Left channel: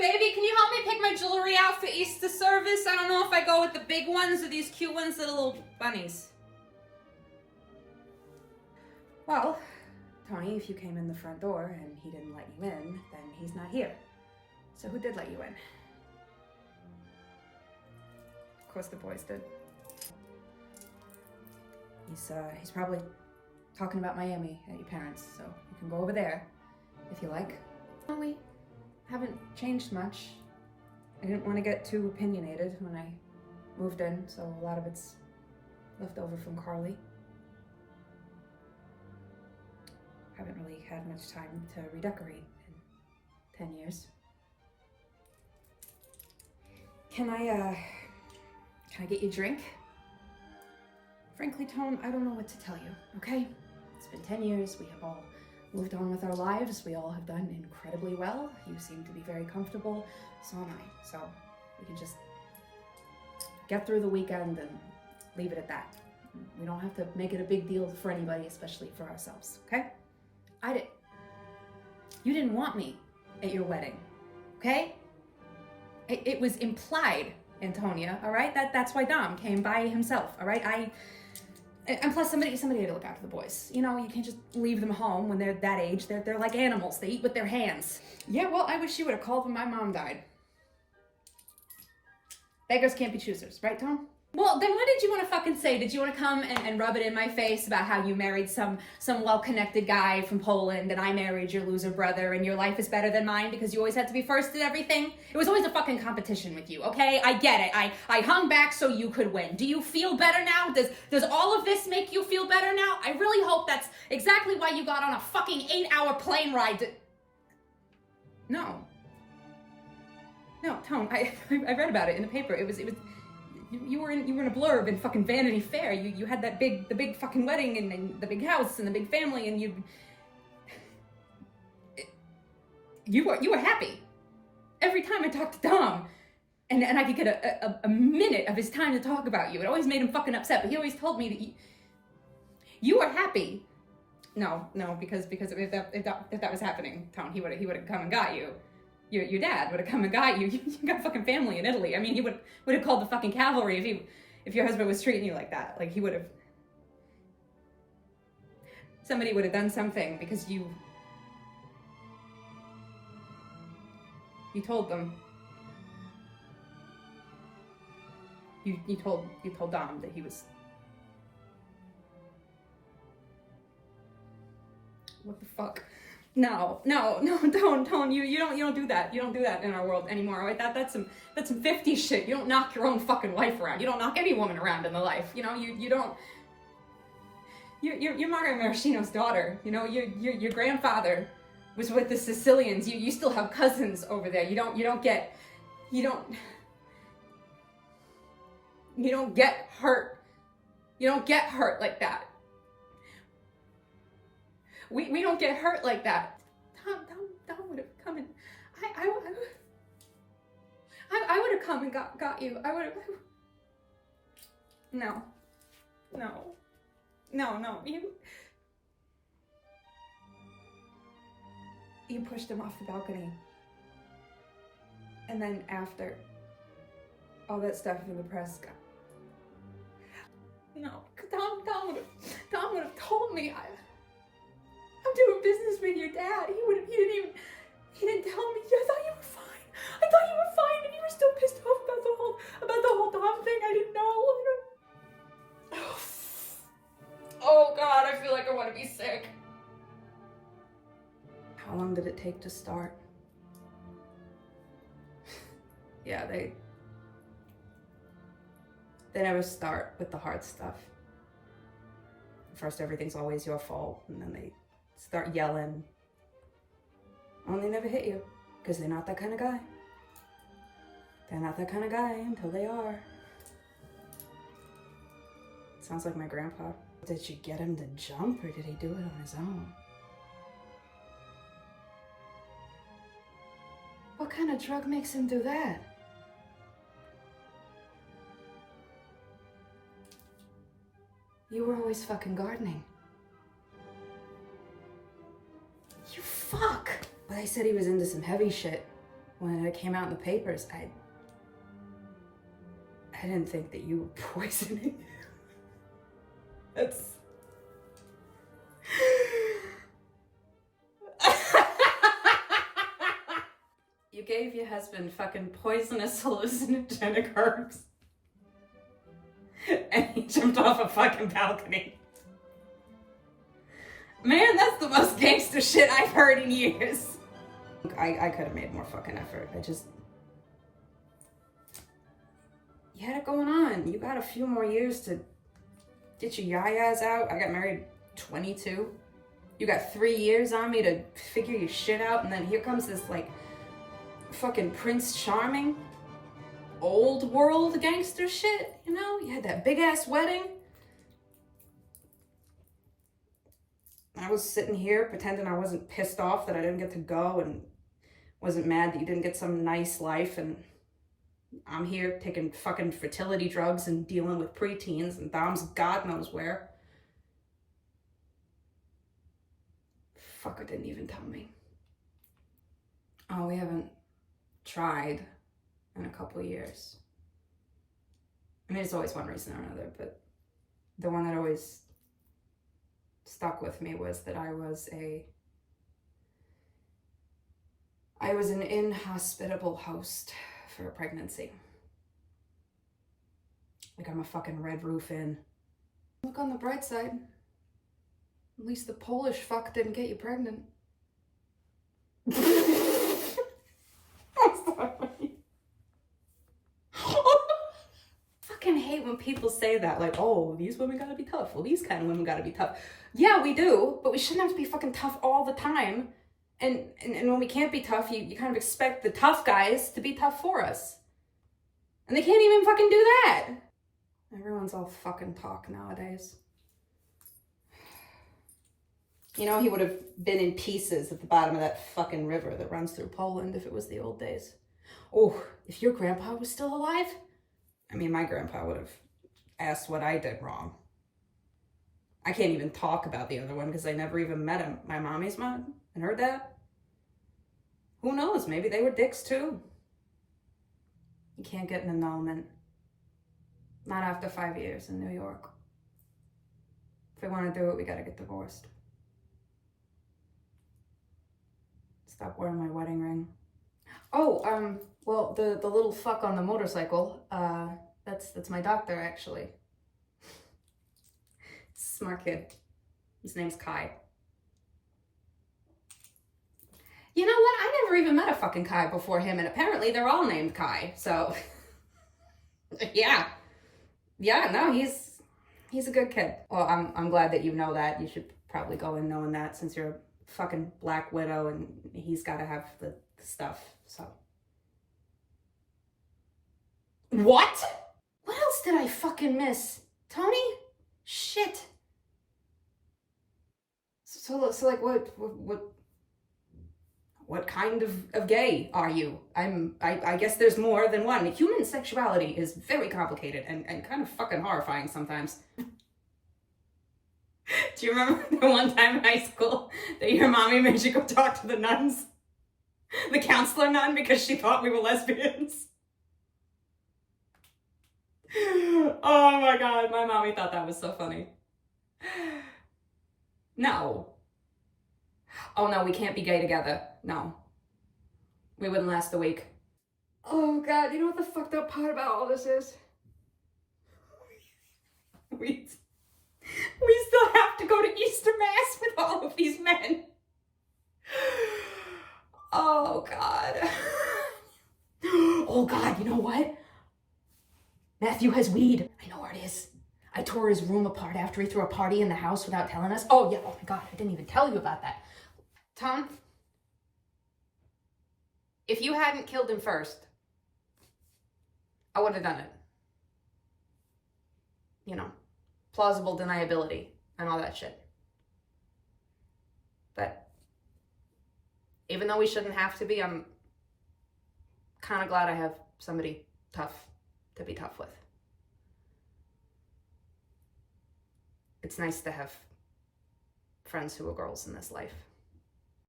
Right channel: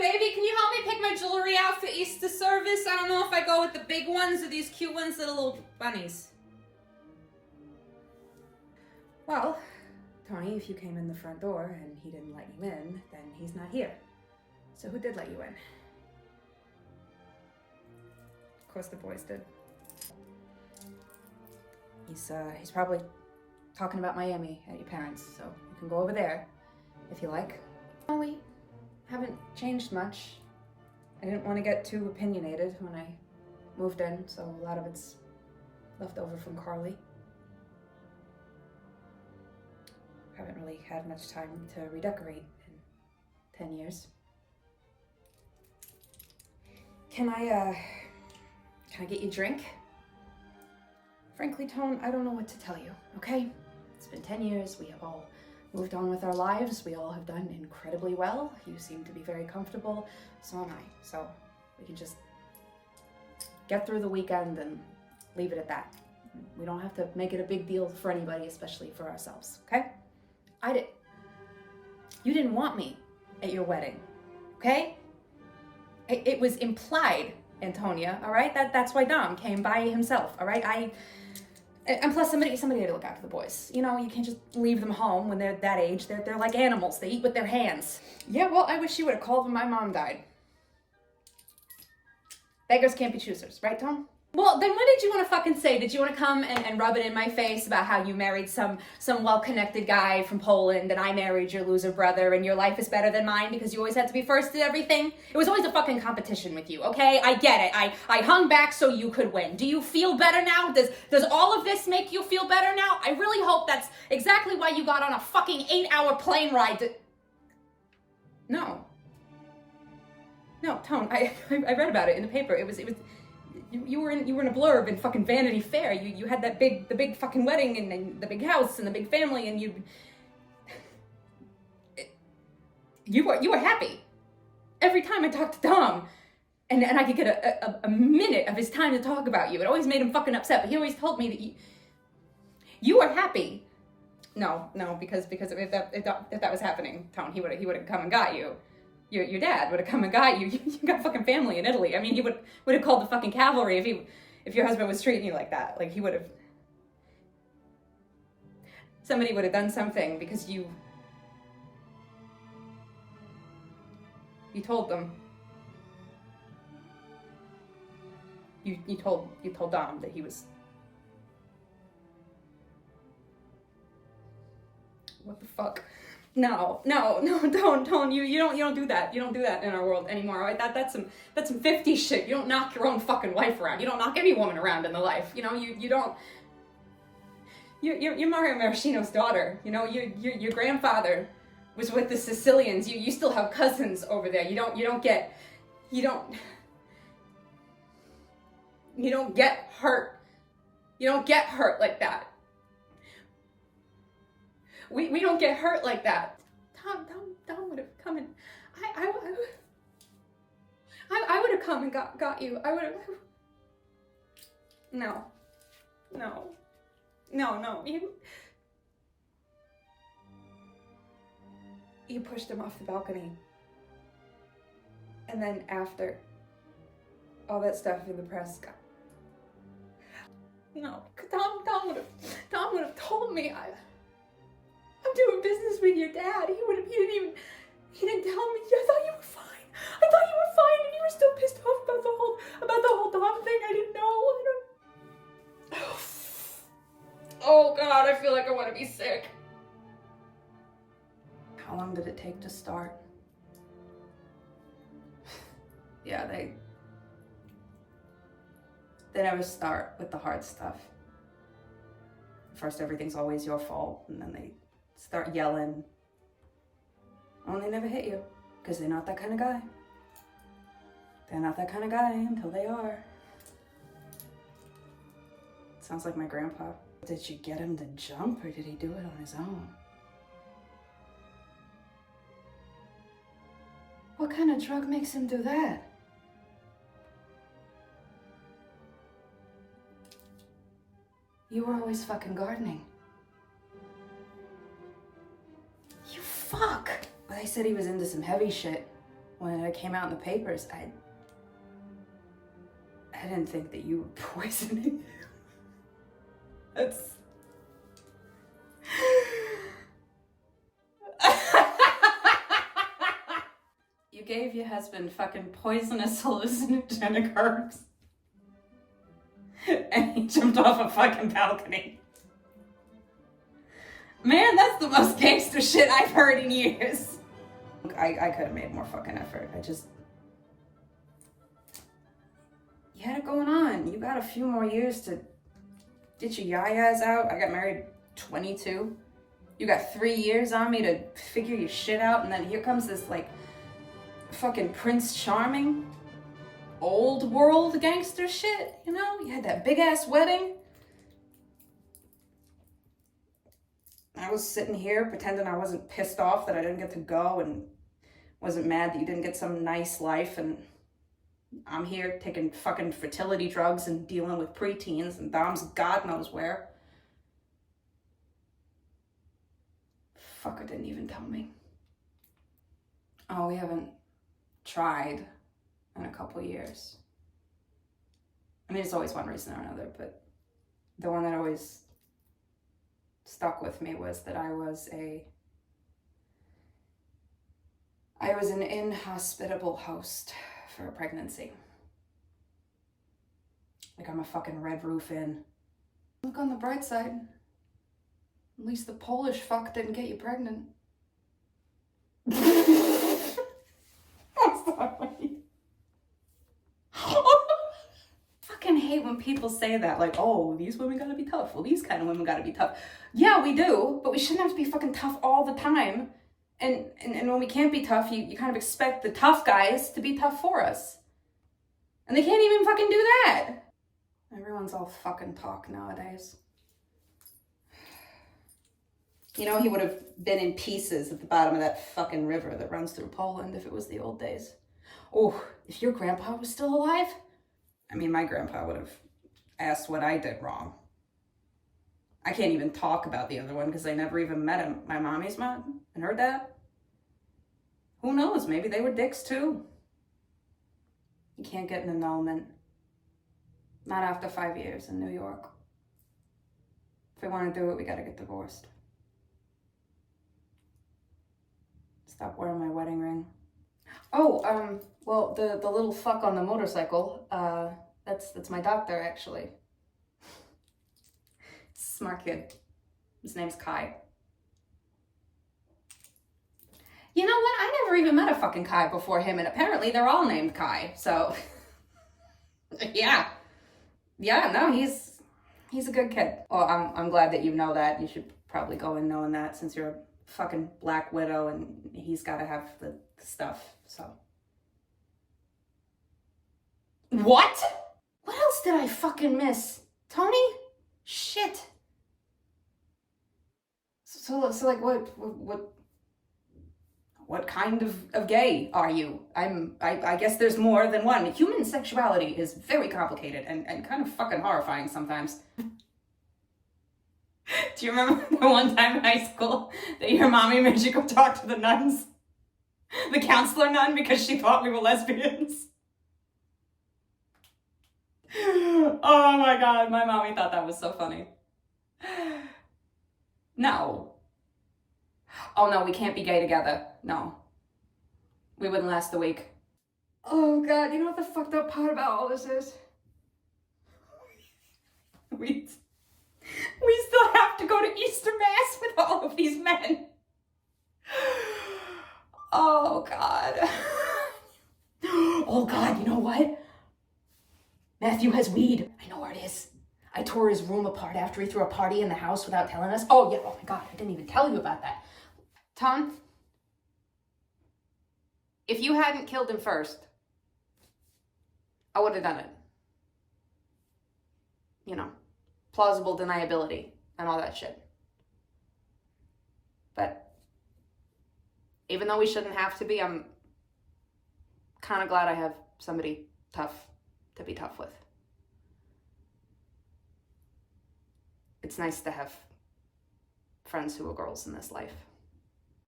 baby, can you help me pick my jewelry out for Easter service? I don't know if I go with the big ones or these cute ones that are little bunnies. Well, Tony, if you came in the front door and he didn't let you in, then he's not here. So who did let you in? Of course the boys did. He's probably talking about Miami at your parents, so you can go over there if you like. We haven't changed much. I didn't want to get too opinionated when I moved in, so a lot of it's left over from Carly. Haven't really had much time to redecorate in 10 years. Can I get you a drink? Frankly, Tone, I don't know what to tell you, okay? It's been 10 years, we have all moved on with our lives, we all have done incredibly well. You seem to be very comfortable, so am I. So we can just get through the weekend and leave it at that. We don't have to make it a big deal for anybody, especially for ourselves, okay? You didn't want me at your wedding, okay? It was implied, Antonia, all right? That's why Dom came by himself, all right? And plus somebody had to look after the boys. You know, you can't just leave them home when they're that age. They're like animals. They eat with their hands. Yeah, well, I wish you would have called when my mom died. Beggars can't be choosers, right, Tom? Well, then what did you want to fucking say? Did you want to come and rub it in my face about how you married some well-connected guy from Poland and I married your loser brother and your life is better than mine because you always had to be first at everything? It was always a fucking competition with you, okay? I get it. I hung back so you could win. Do you feel better now? Does all of this make you feel better now? I really hope that's exactly why you got on a fucking 8-hour plane ride to... No, Tone, I read about it in the paper. It was you were in a blurb in fucking Vanity Fair. You had the big fucking wedding and the big house and the big family and you were happy. Every time I talked to Dom and I could get a minute of his time to talk about you, it always made him fucking upset, but he always told me that you were happy. No, because if that was happening, Tom, he would have come and got you. Your dad would have come and got you. You got a fucking family in Italy. I mean, he would have called the fucking cavalry if your husband was treating you like that. Like, he would have... Somebody would have done something because you told them. You told Dom that he was... What the fuck? No, don't. You don't do that. You don't do that in our world anymore, right? That's some 50s shit. You don't knock your own fucking wife around. You don't knock any woman around in the life. You know, you don't. You're Maraschino's daughter. You know, your grandfather was with the Sicilians. You still have cousins over there. You don't get hurt. You don't get hurt like that. We don't get hurt like that. Tom would have come and I would have come and got you. I would have. No. You pushed him off the balcony. And then after all that stuff in the press got... No, Tom would have told me I'm doing business with your dad. He didn't tell me. I thought you were fine. And you were still pissed off about the whole Dom thing. I didn't know. Oh God, I feel like I want to be sick. How long did it take to start? Yeah, they never start with the hard stuff. First, everything's always your fault, and then they start yelling. Oh, and they never hit you, because they're not that kind of guy. They're not that kind of guy until they are. Sounds like my grandpa. Did you get him to jump, or did he do it on his own? What kind of drug makes him do that? You were always fucking gardening. You fuck! But I said he was into some heavy shit. when it came out in the papers, I didn't think that you were poisoning. That's... You gave your husband fucking poisonous hallucinogenic herbs. And he jumped off a fucking balcony. Man, that's the most gangster shit I've heard in years. I could have made more fucking effort. You had it going on. You got a few more years to get your yayas out. I got married 22. You got 3 years on me to figure your shit out, and then here comes this, like, fucking Prince Charming, old world gangster shit, you know? You had that big-ass wedding. I was sitting here pretending I wasn't pissed off that I didn't get to go and wasn't mad that you didn't get some nice life, and I'm here taking fucking fertility drugs and dealing with preteens and Dom's God knows where. Fucker didn't even tell me. Oh, we haven't tried in a couple of years. I mean, there's always one reason or another, but the one that always stuck with me was that I was an inhospitable host for a pregnancy. Like I'm a fucking Red Roof Inn. Look on the bright side. At least the Polish fuck didn't get you pregnant. I'm sorry. Fucking hate when people say that, like, oh, these women gotta be tough. Well, these kind of women gotta be tough. Yeah, we do, but we shouldn't have to be fucking tough all the time. And when we can't be tough, you kind of expect the tough guys to be tough for us. And they can't even fucking do that. Everyone's all fucking talk nowadays. You know, he would have been in pieces at the bottom of that fucking river that runs through Poland if it was the old days. Oh, if your grandpa was still alive? I mean, my grandpa would have asked what I did wrong. I can't even talk about the other one because I never even met him. My mommy's mom and her dad. Who knows? Maybe they were dicks too. You can't get an annulment. Not after 5 years in New York. If we want to do it, we gotta get divorced. Stop wearing my wedding ring. Oh, well, the little fuck on the motorcycle, that's my doctor, actually. Smart kid. His name's Kai. You know what? I never even met a fucking Kai before him, and apparently they're all named Kai, so... Yeah. Yeah, no, he's a good kid. Well, I'm glad that you know that. You should probably go in knowing that since you're a fucking Black Widow and he's gotta have the stuff, so... What? What else did I fucking miss? Tony? Shit. So like, what kind of gay are you? I guess there's more than one. Human sexuality is very complicated and kind of fucking horrifying sometimes. Do you remember the one time in high school that your mommy made you go talk to the nuns? The counselor nun, because she thought we were lesbians? Oh my God, my mommy thought that was so funny. No. Oh no, we can't be gay together. No. We wouldn't last a week. Oh God, you know what the fucked up part about all this is? We still have to go to Easter Mass with all of these men. Oh God. Oh God, you know what? Matthew has weed. I know where it is. I tore his room apart after he threw a party in the house without telling us. Oh yeah, oh my God, I didn't even tell you about that. Tom, if you hadn't killed him first, I would have done it. You know, plausible deniability and all that shit. But even though we shouldn't have to be, I'm kind of glad I have somebody tough to be tough with. It's nice to have friends who are girls in this life.